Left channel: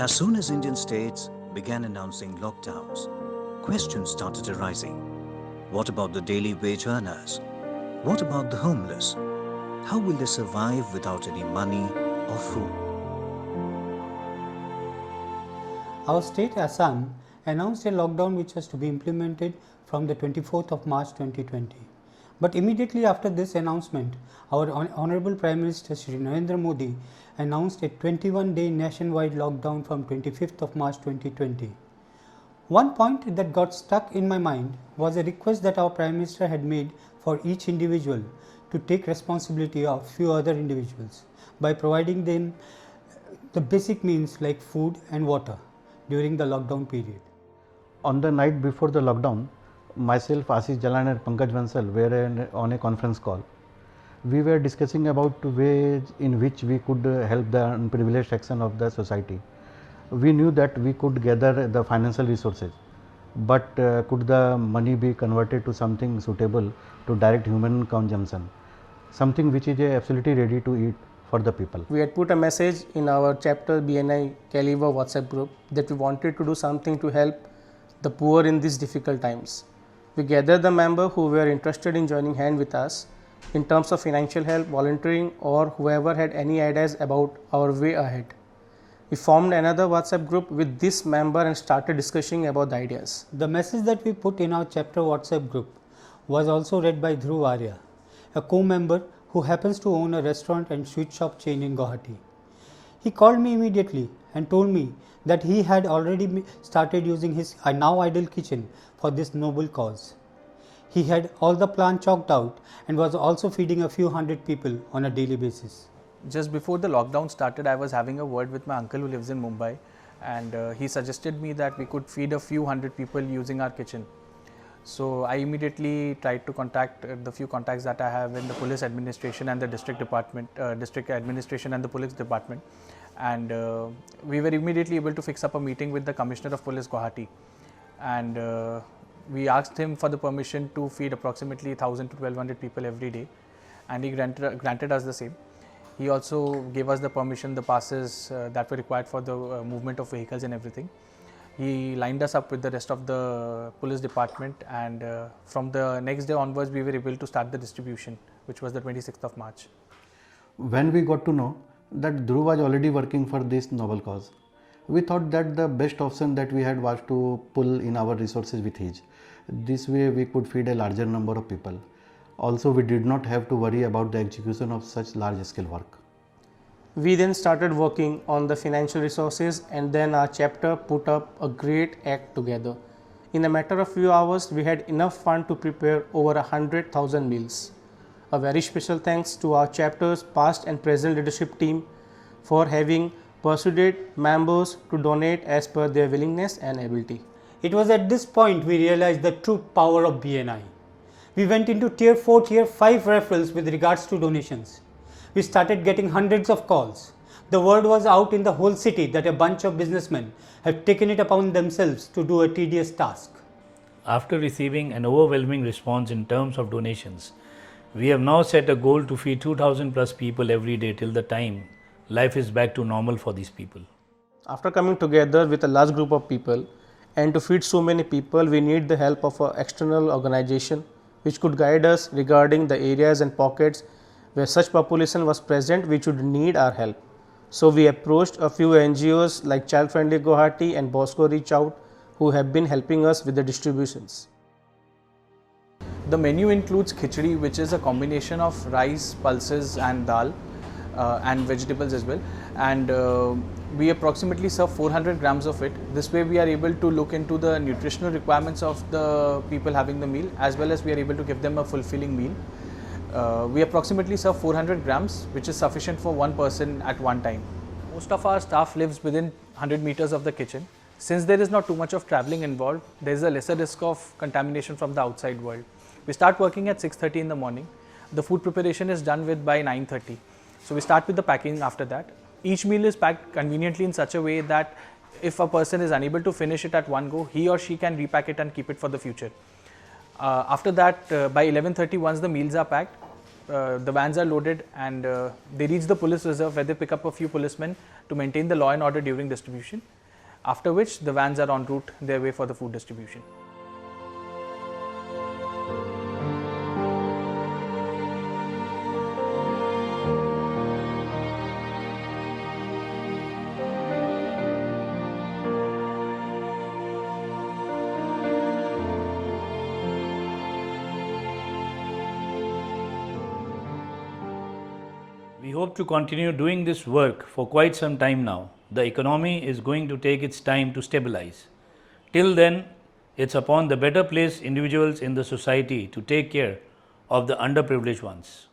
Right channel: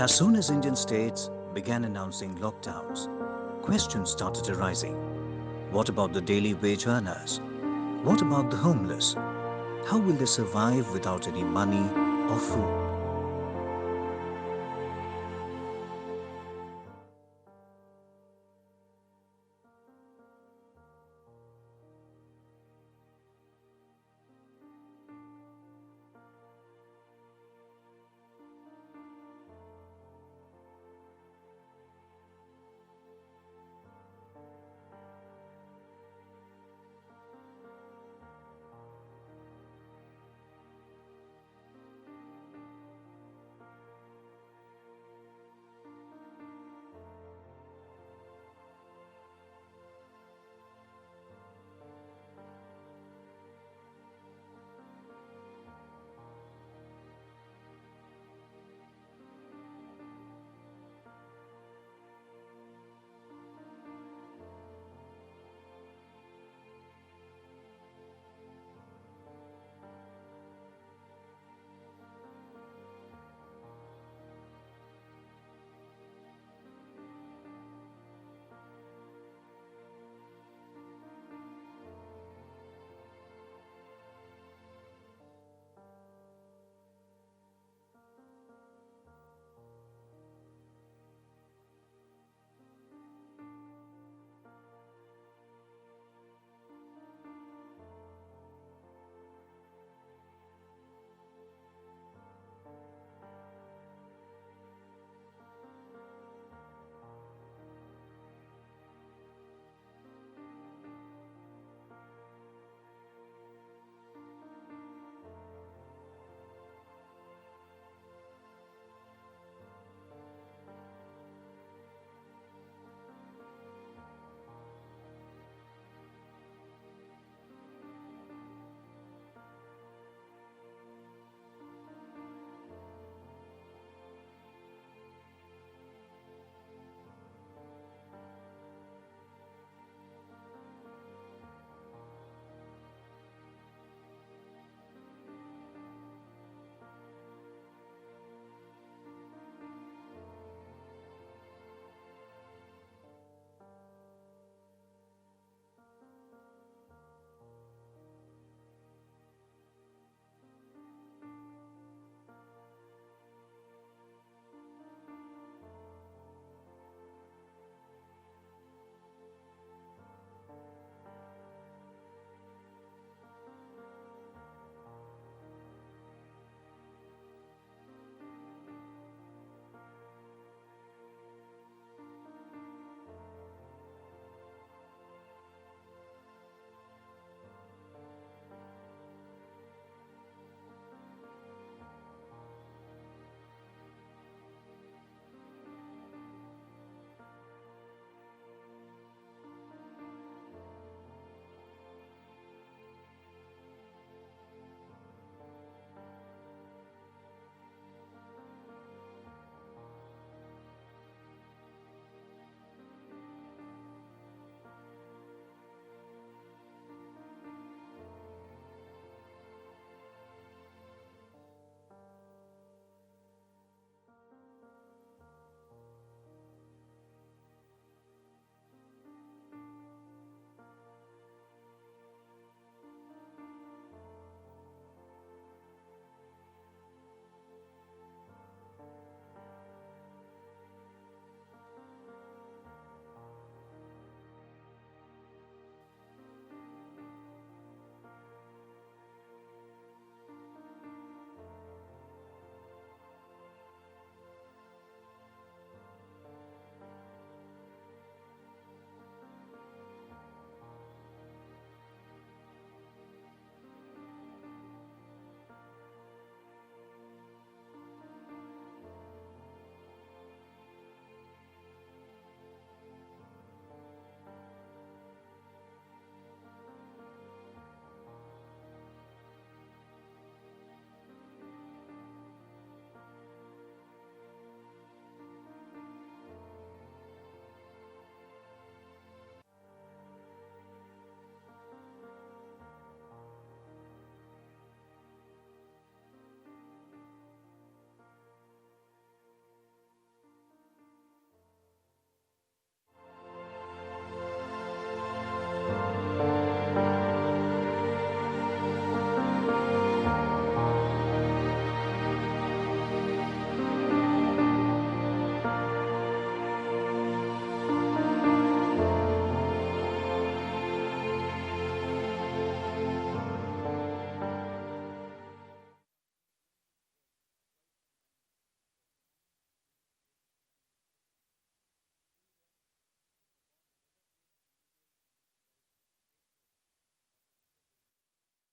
As soon as Indian states began announcing lockdowns, questions started arising. What about the daily wage earners? What about the homeless? How will they survive without any money or food? Our state Assam announced a lockdown which was to be implemented from the 24th of March 2020. But immediately after this announcement, our Honorable Prime Minister Shri Narendra Modi announced a 21-day nationwide lockdown from 25th of March 2020. One point that got stuck in my mind was a request that our Prime Minister had made for each individual to take responsibility of few other individuals by providing them the basic means like food and water during the lockdown period. On the night before the lockdown, myself, Ashish Jalan and Pankaj Bansal were on a conference call. We were discussing about ways in which we could help the unprivileged section of the society. We knew that we could gather the financial resources, but could the money be converted to something suitable to direct human consumption, something which is absolutely ready to eat for the people. We had put a message in our chapter BNI Caliber WhatsApp group that we wanted to do something to help the poor in these difficult times. We gathered the members who were interested in joining hand with us in terms of financial help, volunteering, or whoever had any ideas about our way ahead. We formed another WhatsApp group with this member and started discussing about the ideas. The message that we put in our chapter WhatsApp group was also read by Dhruv Arya, a co-member who happens to own a restaurant and sweet shop chain in Guwahati. He called me immediately and told me that he had already started using his now idle kitchen for this noble cause. He had all the plan chalked out and was also feeding a few hundred people on a daily basis. Just before the lockdown started, I was having a word with my uncle who lives in Mumbai, and he suggested me that we could feed a few hundred people using our kitchen. So I immediately tried to contact the few contacts that I have in the police administration and the district administration and the police department, and we were immediately able to fix up a meeting with the Commissioner of Police Guwahati, and we asked him for the permission to feed approximately 1000 to 1200 people every day, and he granted us the same. He also gave us the permission, the passes that were required for the movement of vehicles and everything. He lined us up with the rest of the police department, and from the next day onwards we were able to start the distribution, which was the 26th of March. When we got to know that Dhruv was already working for this noble cause, we thought that the best option that we had was to pull in our resources with his. This way we could feed a larger number of people. Also, we did not have to worry about the execution of such large scale work. We then started working on the financial resources, and then our chapter put up a great act together. In a matter of few hours, we had enough fund to prepare over 100,000 meals. A very special thanks to our chapter's past and present leadership team for having persuaded members to donate as per their willingness and ability. It was at this point we realized the true power of BNI. We went into tier 4, tier 5 referrals with regards to donations. We started getting hundreds of calls. The word was out in the whole city that a bunch of businessmen have taken it upon themselves to do a tedious task. After receiving an overwhelming response in terms of donations, we have now set a goal to feed 2000 plus people every day till the time life is back to normal for these people. After coming together with a large group of people and to feed so many people, we need the help of an external organization which could guide us regarding the areas and pockets where such population was present which would need our help. So we approached a few NGOs like Child Friendly Guwahati and Bosco Reach Out, who have been helping us with the distributions. The menu includes khichdi, which is a combination of rice, pulses and dal, and vegetables as well, and we approximately serve 400 grams of it. This way we are able to look into the nutritional requirements of the people having the meal, as well as we are able to give them a fulfilling meal. We approximately serve 400 grams, which is sufficient for one person at one time. Most of our staff lives within 100 meters of the kitchen. Since there is not too much of traveling involved, there is a lesser risk of contamination from the outside world. We start working at 6:30 in the morning. The food preparation is done with by 9:30. So we start with the packing after that. Each meal is packed conveniently in such a way that if a person is unable to finish it at one go, he or she can repack it and keep it for the future. After that, by 11:30, once the meals are packed, the vans are loaded and they reach the police reserve where they pick up a few policemen to maintain the law and order during distribution, after which the vans are en route their way for the food distribution. We hope to continue doing this work for quite some time now. The economy is going to take its time to stabilize. Till then, it's upon the better placed individuals in the society to take care of the underprivileged ones.